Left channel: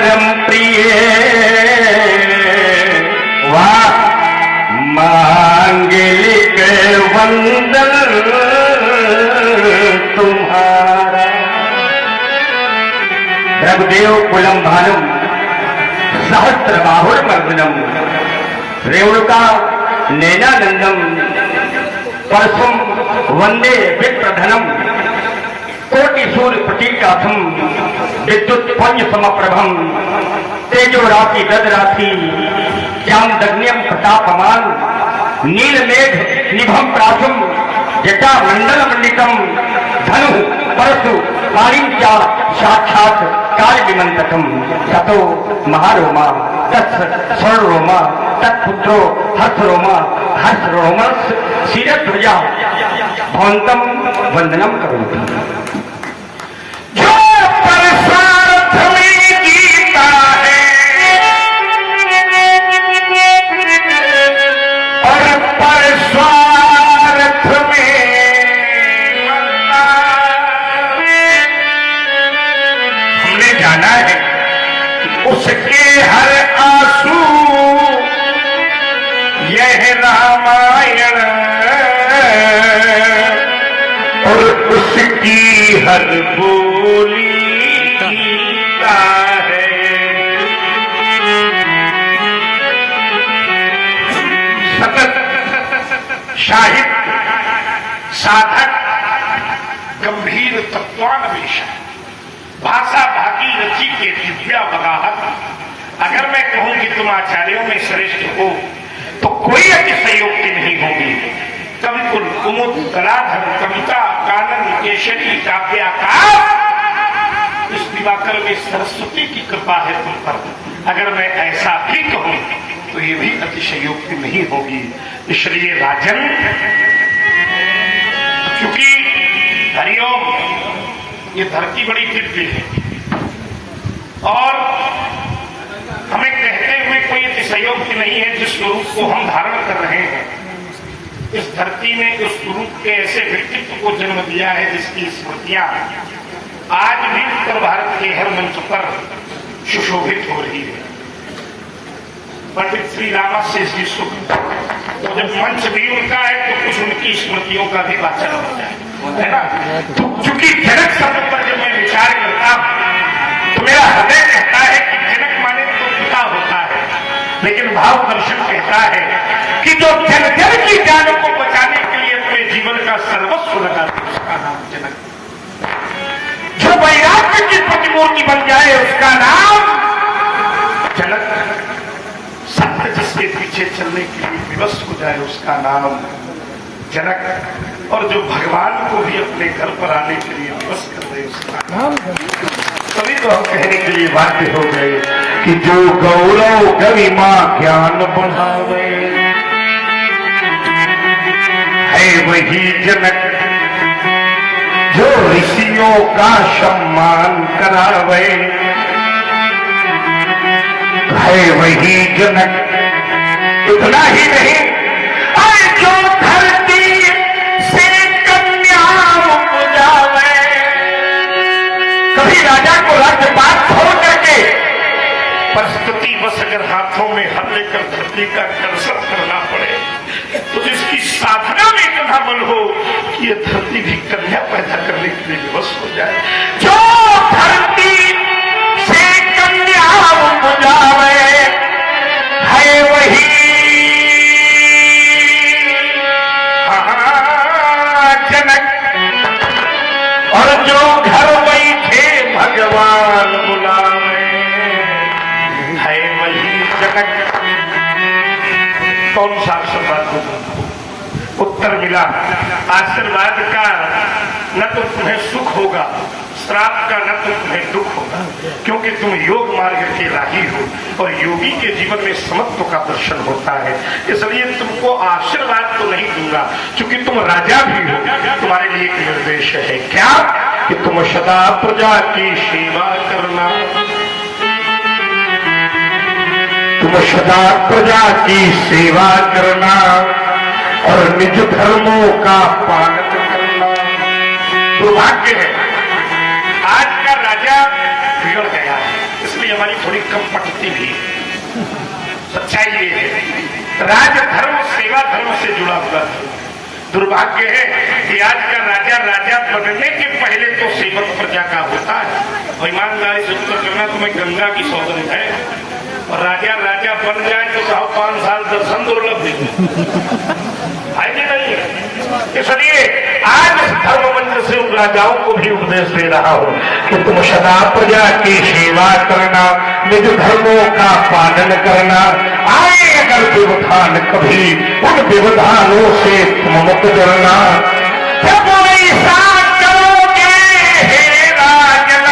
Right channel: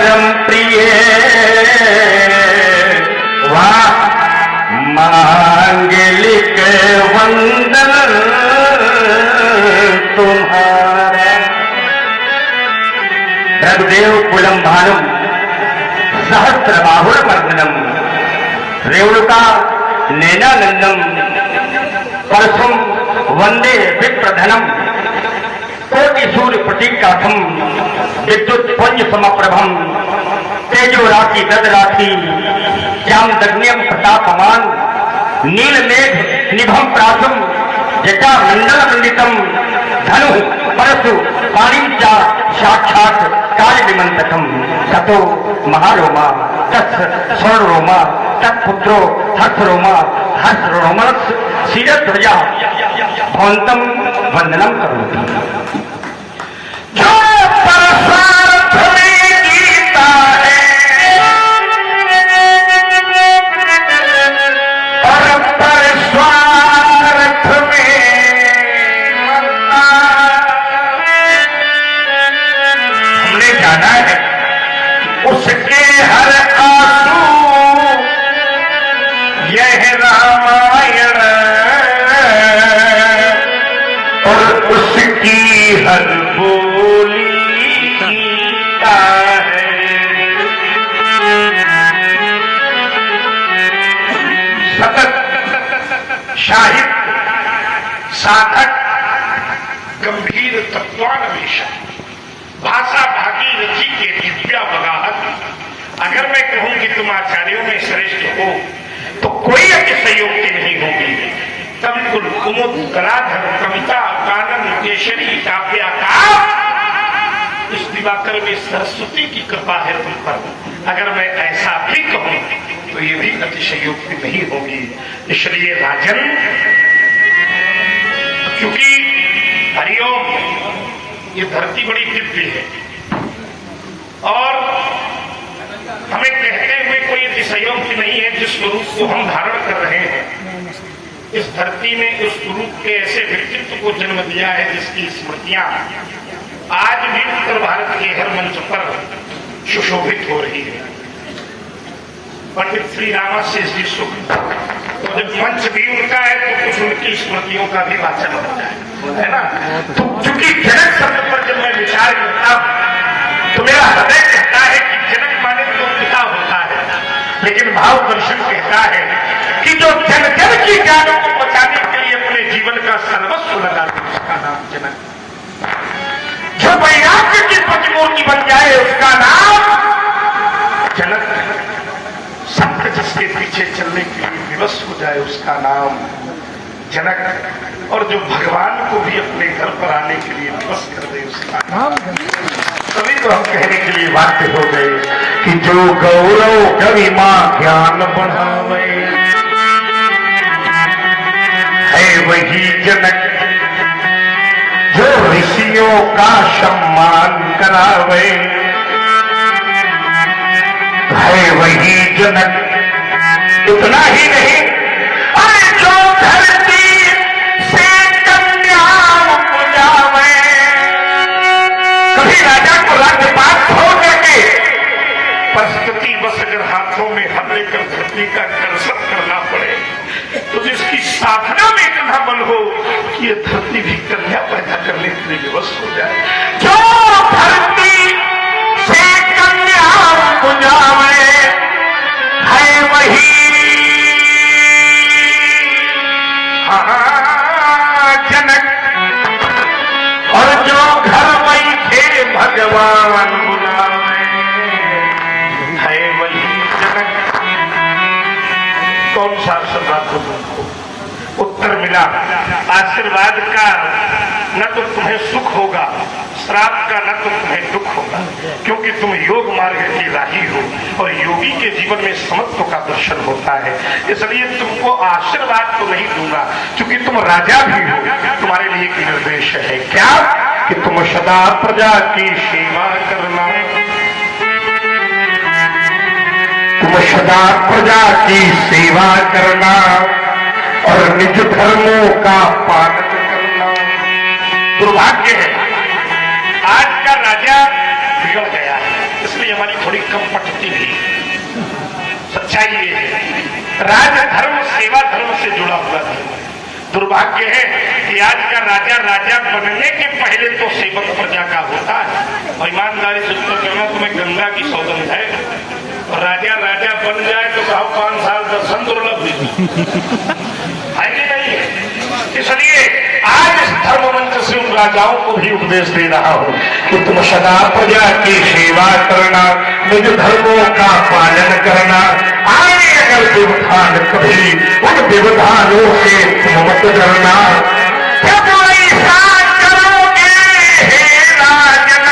परम प्रिय वाह मांगलिक वंदन तुम्हारा। रघुदेव कुलम भानुम सहस्रबाहुर्मर्दनम रेणुका नैनानंदम परसुम वंदे विप्रधनम कोटि सूर्य प्रतीकाथम विद्युत पंच समप्रभम तेजो राशि गद राशि श्यामदग्न्यम प्रतापमान नीलमेघ निभम प्रासुम जटा मंडल मंडितम धनु परशु पाणिम चा साक्षात काल विमंतकम ततो महारोमा तत् स्वर्णरोमा तत्पुत्रो हर्षरोमा हर्षरोमण शिरध्वजा भवंतम वंदनम करोति। जो परस्वार्थ में जीता है और परस्वार्थ में मरता, हमने जाना है उसके हर आंसू यह रामायण और उसकी हर बोली का है। सतत साहित्य साधक गंभीर तत्वान्वेषण भाषा भागी रची के विद्या बगाहत। अगर मैं कहूं कि तुम आचार्यों में श्रेष्ठ हो तो कोई अतिशयोक्ति नहीं होगी। कमकुल कुमुद कलाधर कविता कानन केशरी काव्याकार इस दिवाकर में सरस्वती की कृपा है तुम पर। अगर मैं ऐसा भी कहूं तो ये भी अतिशयोक्ति नहीं होगी। इसलिए राजन, क्योंकि हरिओम ये धरती बड़ी दिव्य है और हमें कहते हुए कोई अतिशयोक्ति नहीं है। जिस रूप को हम धारण कर रहे हैं इस धरती में उस रूप के ऐसे व्यक्तित्व को जन्म दिया है जिसकी स्मृतियां आज भी उत्तर भारत के हर मंच पर सुशोभित हो रही है। पंडित श्री रामाशेष जी सुख तो जब मंच भी उनका है तो कुछ उनकी स्मृतियों का भी वाचन होता है ना। तो चूंकि जनक शब्द पर जब मैं विचार करता हूं तो मेरा हृदय कहता है कि जनक माने तो पिता होता है, लेकिन भाव दर्शन कहता है कि जो जन जन की ज्ञान को बचाने के लिए अपने जीवन का सर्वस्व लगा उसका नाम जनक। जो वैराग्य की प्रतिमूर्ति बन जाए उसका नाम जनक। सत्य जिसके पीछे चलने के लिए विवश हो जाए उसका नाम जनक। और जो भगवान को भी अपने घर पर आने के लिए विवश कर दे उसका नाम। तभी तो हम कहने के लिए बाध्य हो गए कि जो गौरव गरिमा ज्ञान बढ़ावे है वही जनक, जो ऋषियों का सम्मान करावे है वही जनक। इतना ही नहीं, अरे जो धरती से कन्या उपजावे, कभी राजा को राज्यपाल हो जाके परिस्थिति बस अगर हाथों में हल लेकर धरती का कर्षण करना पड़े तो जिसकी साधना में इतना बल हो कि ये धरती भी कन्या पैदा करने के लिए विवश हो जाए। जो धरती से कन्या उपजावे है वही जनक, और जो घर बैठे भगवान बुलावे है वही जनक। कौन सा सदा तुमको उत्तर मिला? आशीर्वाद का न तो तुम्हें सुख होगा, श्राप का न तो तुम्हें दुख होगा, क्योंकि तुम योग मार्ग के राही हो और योगी के जीवन में समत्व का दर्शन होता है। इसलिए तुमको आशीर्वाद तो नहीं दूंगा, क्योंकि तुम राजा भी हो। तुम्हारे लिए एक निर्देश है, क्या कि तुम सदा प्रजा की सेवा करना, तुम सदा प्रजा की सेवा करना और निज धर्मों का पालन करना। दुर्भाग्य है आज का राजा बिगड़ गया है, इसलिए हमारी थोड़ी कम पटती भी। सच्चाई ये है, राजधर्म सेवा धर्म से जुड़ा हुआ है। दुर्भाग्य है कि आज का राजा राजा बनने के पहले तो सेवक प्रजा का होता है। और ईमानदारी से उत्तर करना, तुम्हें गंगा की सौगंध है, और राजा राजा बन जाए तो 5 साल दर्शन दुर्लभ है कि नहीं? इसलिए आज धर्म मंच से उन राजाओं को भी उपदेश दे रहा हूं कि तुम सदा प्रजा की सेवा करना, निज धर्मों का पालन करना। आए अगर व्यवधान कभी, उन व्यवधानों से तुम मत डरना। जब ऐसा करोगे हे राजन,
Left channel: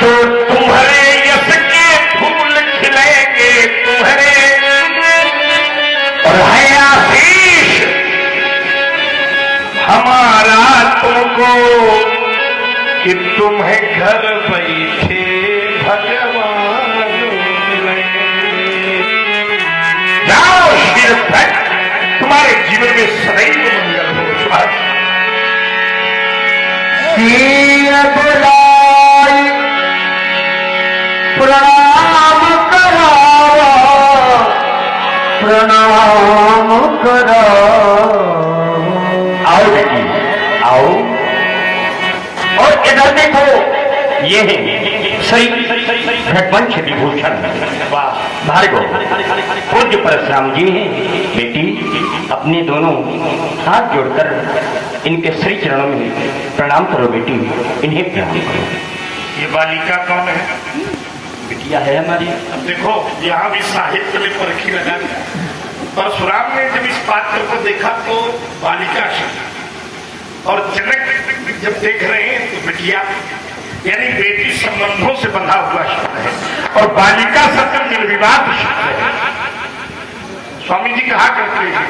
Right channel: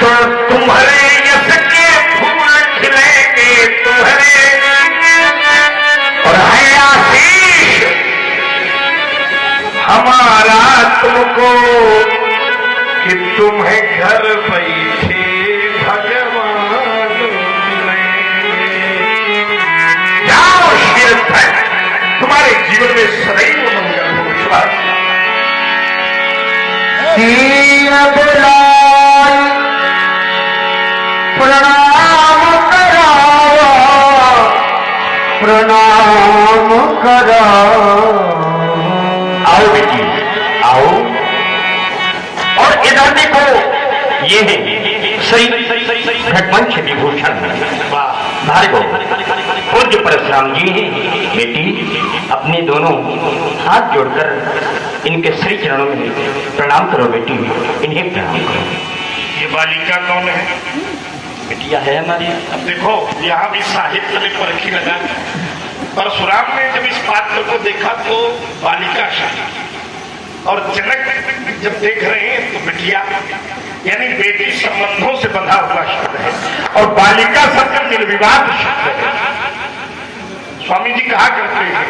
तो तुम्हारे यश के फूल खिलेंगे तुम्हारे, और है आशीष हमारा तुमको कि तुम्हें घर बैठे भगवान जाओ शिर पर, तुम्हारे जीवन में सदैव मंगल हो। प्रणाम कराओ, प्रणाम कराओ। आओ बेटी आओ, और इधर देखो, ये है श्री घटवंश विभूषण भार्गव पूज्य परशुराम जी हैं। बेटी अपने दोनों हाथ जोड़कर इनके श्री चरणों में प्रणाम करो बेटी, इन्हें प्रणाम करो। ये बालिका कौन है? बिटिया है हमारी। अब देखो यहाँ भी साहित्य में परखी लगा। परशुराम ने जब इस पात्र को देखा तो बालिका शब्द, और जनक जब देख रहे हैं तो बिटिया, यानी बेटी संबंधों से बंधा हुआ शब्द है, और बालिका शब्द निर्विवाद शब्द है। स्वामी जी कहा करते हैं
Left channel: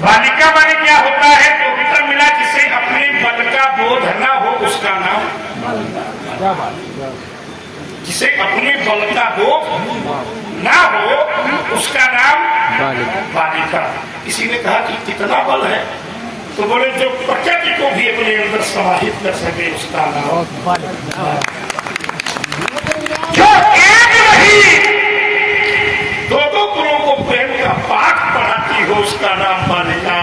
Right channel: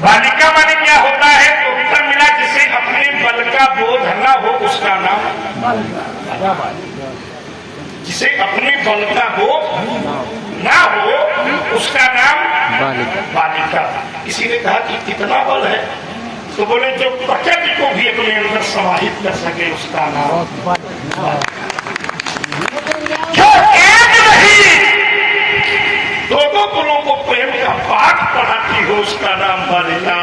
बालिका माने क्या होता है, तो उत्तर मिला जिसे अपने बल का बोध न हो उसका नाम, जिसे अपने बल का बोध न हो उसका नाम बालिका। किसी ने कहा कि कितना बल है, तो बोले जो प्रकृति को भी अपने अंदर समाहित कर सके उसका नाम, जो एक नहीं दो गुरुओं को प्रेम का पाठ पढ़ाती हो उसका नाम बालिका,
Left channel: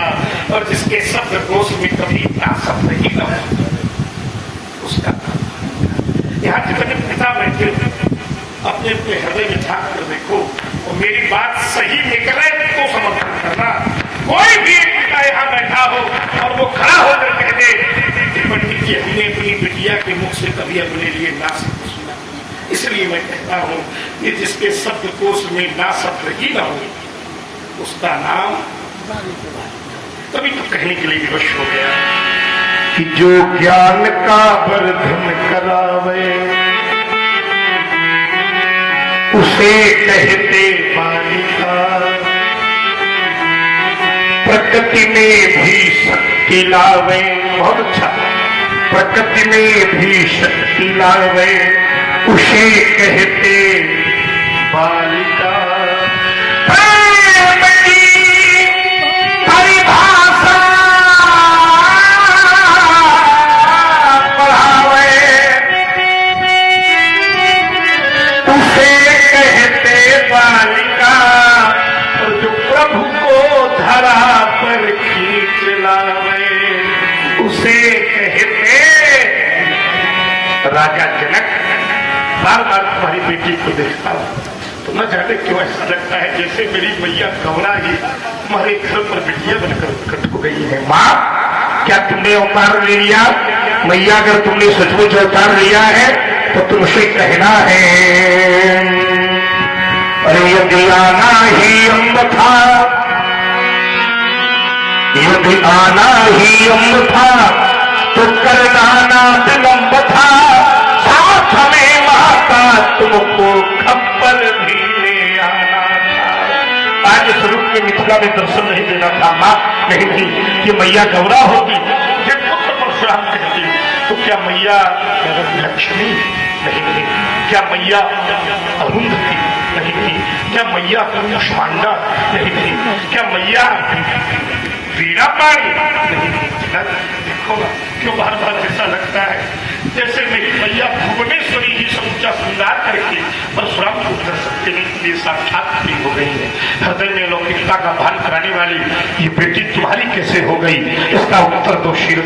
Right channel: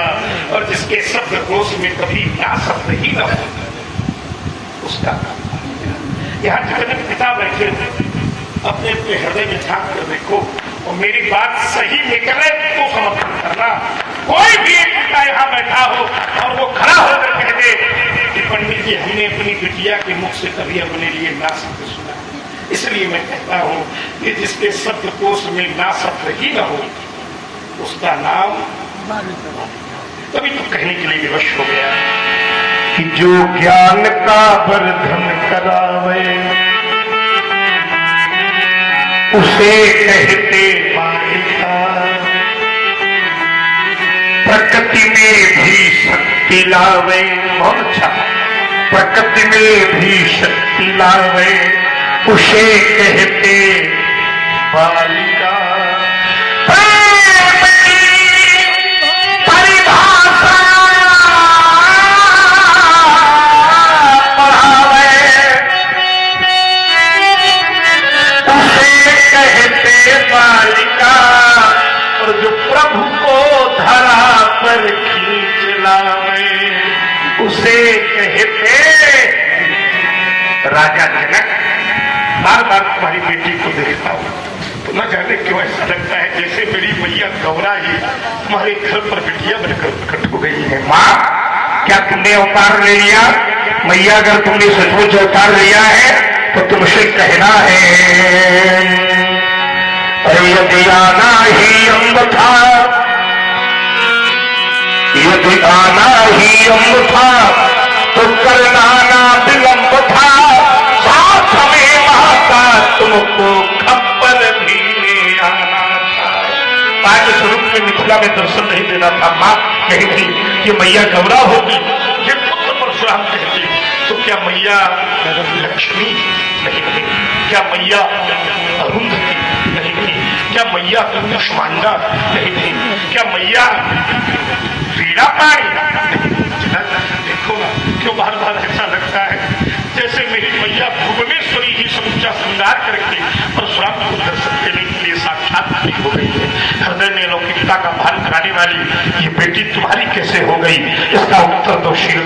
और जिसके शब्दकोश में कभी क्या शब्द ही न हो उसका। यहाँ जितने पिता बैठे अपने अपने हृदय में झांक कर देखो, और मेरी बात सही निकले तो समर्थन करना। कोई भी पिता यहाँ बैठा हो और वो खड़ा होकर कह दे कि पंडित जी हमने अपनी बिटिया के मुख से कभी अपने लिए ना शब्द सुना, इसलिए मैं कहता हूँ कि जिसके शब्दकोश में ना शब्द ही न हो उसका नाम तभी तो कहने के लिए विवश हो गया कि जो ज्ञान का वर्धन करावे उसे कहते बालिका, प्रकृति में भी शक्ति लावे। बहुत अच्छा, प्रकृति में भी शक्ति लावे उसे कहते बालिका। राजा जनक बार बार तुम्हारी बेटी को देखता हूँ तो न जाने क्यों ऐसा लगता है जैसे मेरी मैया गौरा ही तुम्हारे घर पर बिटिया बनकर प्रकट हो गई है। माँ, क्या तुमने अवतार ले लिया? मैया, अगर तुमने सचमुच अवतार लिया है तो तुमसे कहना है, अरे यदि आना ही अम्ब था, यदि आना ही अम्ब था तो करना विलंब था, साथ में माता तुमको खप्पर भी ले आना था। आज स्वरूप के मिथिला में दर्शन नहीं देना था। माँ कही थी कि मैया गौरा होगी, परशुराम कहती तो क्या मैया लक्ष्मी कहेगी, क्या मैया अरुंधति कहेगी, क्या मैया कुष्मांडा कहेगी, क्या मैया लीला पाई? देखो क्यों बार बार ऐसा लगता है जैसे मेरी मैया भुवनेश्वरी जी सब क्या श्रृंगार करके परशुराम को दर्शन देने के लिए साक्षात हो गई है। हृदय में लौकिकता का भान कराने वाली ये बेटी तुम्हारी कैसे हो गई, इसका उत्तर तो शीघ्र